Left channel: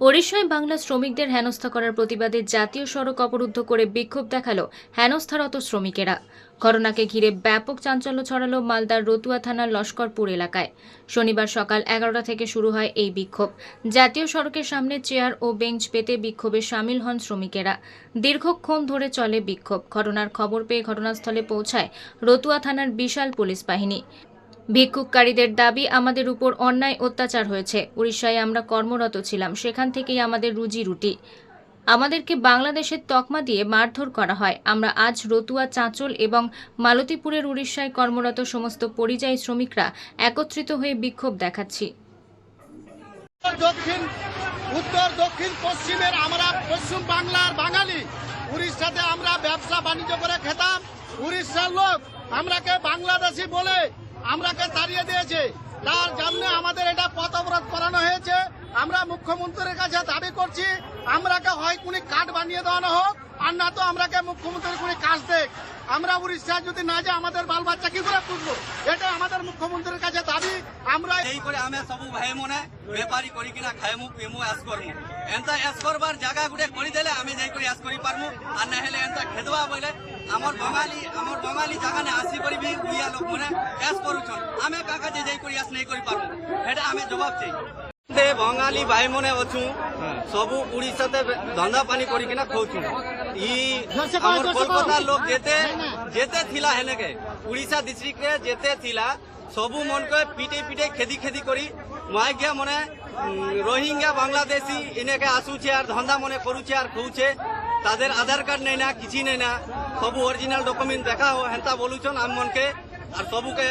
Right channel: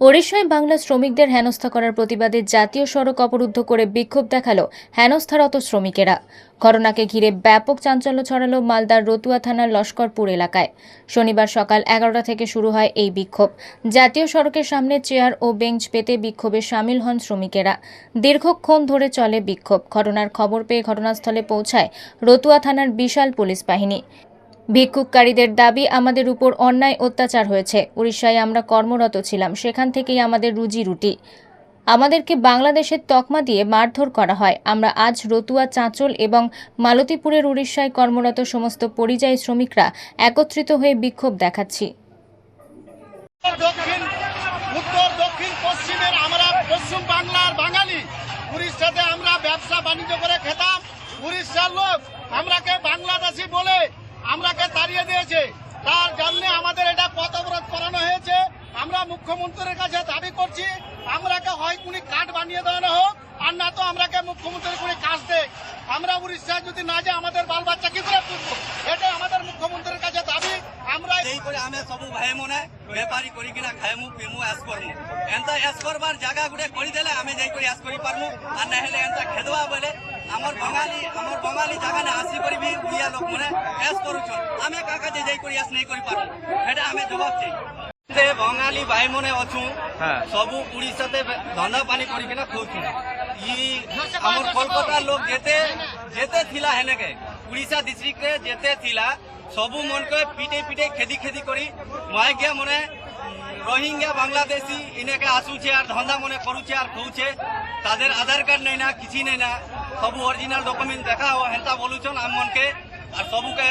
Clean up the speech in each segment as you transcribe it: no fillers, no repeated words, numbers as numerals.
ওড়িশায় বাংলা শ্রমিকদের হেনস্থা করার প্রতিবাদে জাতীয় সড়ক অবরুদ্ধ করে বিক্ষোভ দেখালো হেনস্থারত শ্রমিকেরা। ঘটনাকে ঘিরে ব্যাপক চাঞ্চল্য ছড়ালো মালদার রতুয়া থানার লস্করপুর এলাকায়। শনিবার সকাল 11টা থেকে শুরু হয় এই বিক্ষোভ। জাতীয় সড়কের সামনে চেয়ার ও বেঞ্চ পেতে বিক্ষোভে সামিল হন শ্রমিকেরা। দীর্ঘক্ষণ ধরে চলে বিক্ষোভ। ঘটনার খবর পেয়ে ঘটনাস্থলে পৌঁছায় রতুয়া থানার বিশাল পুলিশ বাহিনী। ভিক্ষুককারীদের দাবি, আমাদের উপর অন্যায় অত্যাচার হয়েছে। উড়িষ্যায় আমরা কর্মরত ছিলাম, সেখান থেকেই আমাদের রুজি রুটি। আমাদেরকে বাংলাদেশের তকমা দিয়ে মারধর করা হয়। আমরা আজ রতুয়া, চাঁচল এবং মালতীপুরের উড়িষ্যায় কর্মরত সমস্ত পরিযায়ী শ্রমিকরা একত্রিত হয়ে বিক্ষোভ দেখাচ্ছি। উত্তর দক্ষিণ পশ্চিমের আমরা পশ্চিম বাংলার বাঙালি, উড়িষ্যাতে আমরা ব্যবসা বাণিজ্য করে খেতাম। উড়িষ্যার লোক আমরাকে বাংলাদেশি বলে আমরাকে তাড়িয়ে দিয়েছে। তার জন্য আমাদের এটা পথ অবরোধ করানো হয়েছে। আমরা মুখ্যমন্ত্রীর কাছে দাবি করছি, আমরাকে হয় কোনো কার্ড বানিয়ে দেওয়ানো হোক, আর না তো আমরাকে মুখ্যমন্ত্রী কোনো কাজ দেখ। আমরা উড়িষ্যায় যদি না যাই আমাদের বাল বাচ্চা কি করে পুষবো? এটা আমাদের মুখ্যমন্ত্রীর কাছে দাবি। আমরা এই করে আমি সবু ভাই মনে বেপারি করি কিনা খাইমু পিমু এস করমু। এন্তা এস করবার জায়গা গুড়ে করে দেলে আমি যাই করে এস করি পারমু। আর না হলে এন্তা খেদবা বলে আমার বঙালি জায়গানে আসি করিবি উড়িয়া লোক মনে এস করুছন। আমি কাকা যে যাই করে এস নেই করি পারমু, সেটা আমি জবাব চাই। বঙালি ভাই মনে অছু সবু উড়িষ্যাতে ধন্দা পানি করি কিনা খাউছু। আমার কলকাতার লোক যেতে থিলা হেনেকে উড়িষ্যা ডিস্ট্রিক্টে যেতে থিলা সবু মনকে পিটে পিটে খেদি করি মাইগিয়া মনে রোহিঙ্গা বাংলাদেশি ইনেকে আসুছে আর ধন্দা মনে করুছে আর খাউছে। তাদের আধার কার্ড নেই না, কিছু নেই না, সবু অরিজিনাল ডকুমেন্ট দেখা হেন্তা বলুছন আম মনকে। আর সবুকে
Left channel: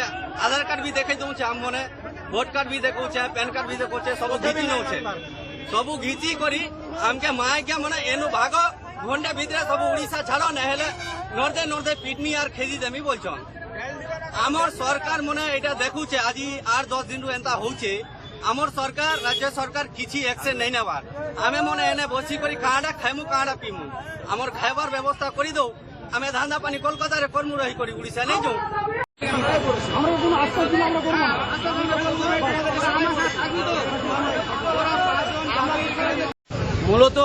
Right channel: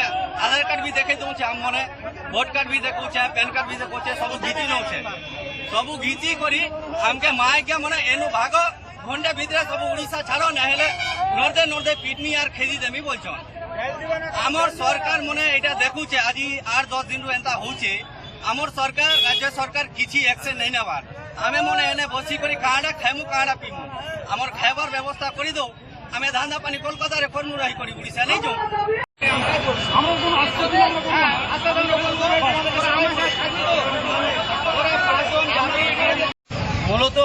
আধার কার্ড भी দেখে দৌছে আম মনে, ভোট কার্ড भी দেখুছে, প্যান কার্ড भी দেখুছে, সবু ঘিচি নৌছে। সবু ঘিচি করি আমকে মাইগিয়া মনে এনু ভাগ ঘন্টা ভিতরে সবু উড়িষ্যা ছাড়ো, না হলে নর্দে পিটমি আর খেদি দেমি বলছন। আমার সরকার মনে এটা দেখুছে আজি 8-10 দিন এন্তা হচ্ছে। আমার সরকার, রাজ্য সরকার কিছু অ্যাকশন নেই নেবার। আমি মনে এনে বসি করি কাঁড়া খাইমু কাঁড়া পিমু, আমার খাইবার ব্যবস্থা করে দৌ। আমি ধান্দা পানি কলকাতারে করমু রহি করি উড়িষ্যা নেই যাও। মূলত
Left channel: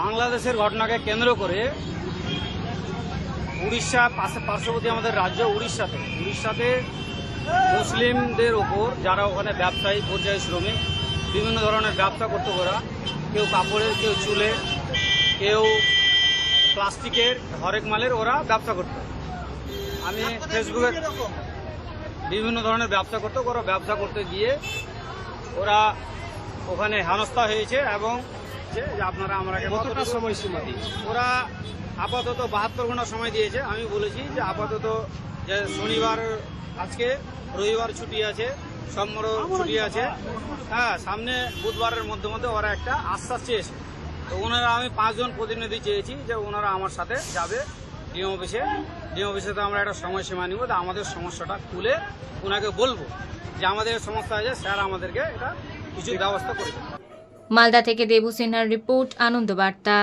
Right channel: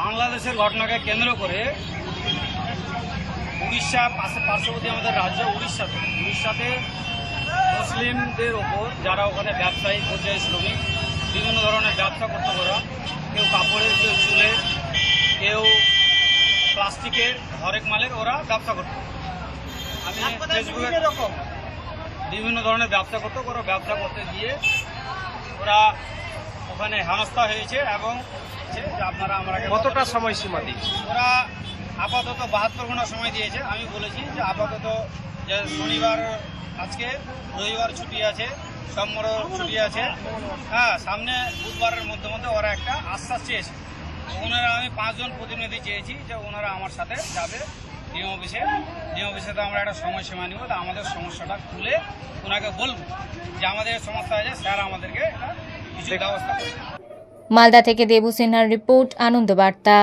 বাংলাদেশের ঘটনাকে কেন্দ্র করে উড়িষ্যা পার্শ্ববর্তী আমাদের রাজ্য উড়িষ্যাতে মুসলিমদের ওপর যারা ওখানে ব্যবসায়ী পর্যায়ী শ্রমিক বিভিন্ন ধরনের ব্যবসা করতে, ওরা কেউ কাপড়ের, কেউ চুলের, কেউ প্লাস্টিকের, হরেক মালের ওরা ব্যবসা করত। আমি ফেসবুকে বিভিন্ন ধরনের ব্যবসা করতো। ওরা ব্যবসা করতে গিয়ে ওরা ওখানে হেনস্থা হয়েছে এবং যে আপনারা আমাকে কতটা সময়সীমা দিয়েছে। ওরা আপাতত 72 ঘন্টা সময় দিয়েছে। আমি বলেছি যে আপাতত যে শনিবার, আজকে রবিবার ছুটি আছে, সোমবার ছুটি আছে, সামনে বুধবারের মধ্যে ওরা একটা আশ্বাস চেয়েছে। তো ওনারা, আমি 5 জন প্রতিনিধি চেয়েছি যে ওনারা আমার সাথে যাবে ডিএম অফিসে। তো আমরা একটা সময়সীমা নিব, আমাদের সমস্যাটা খুলে ওনাকে বলবো যে আমাদের সমস্যা আছে, স্যার আমাদেরকে এটা কিছু ব্যবস্থা করে দেন। মালদা থেকে দেবু সিনহার রিপোর্ট, আনন্দ বার্তা।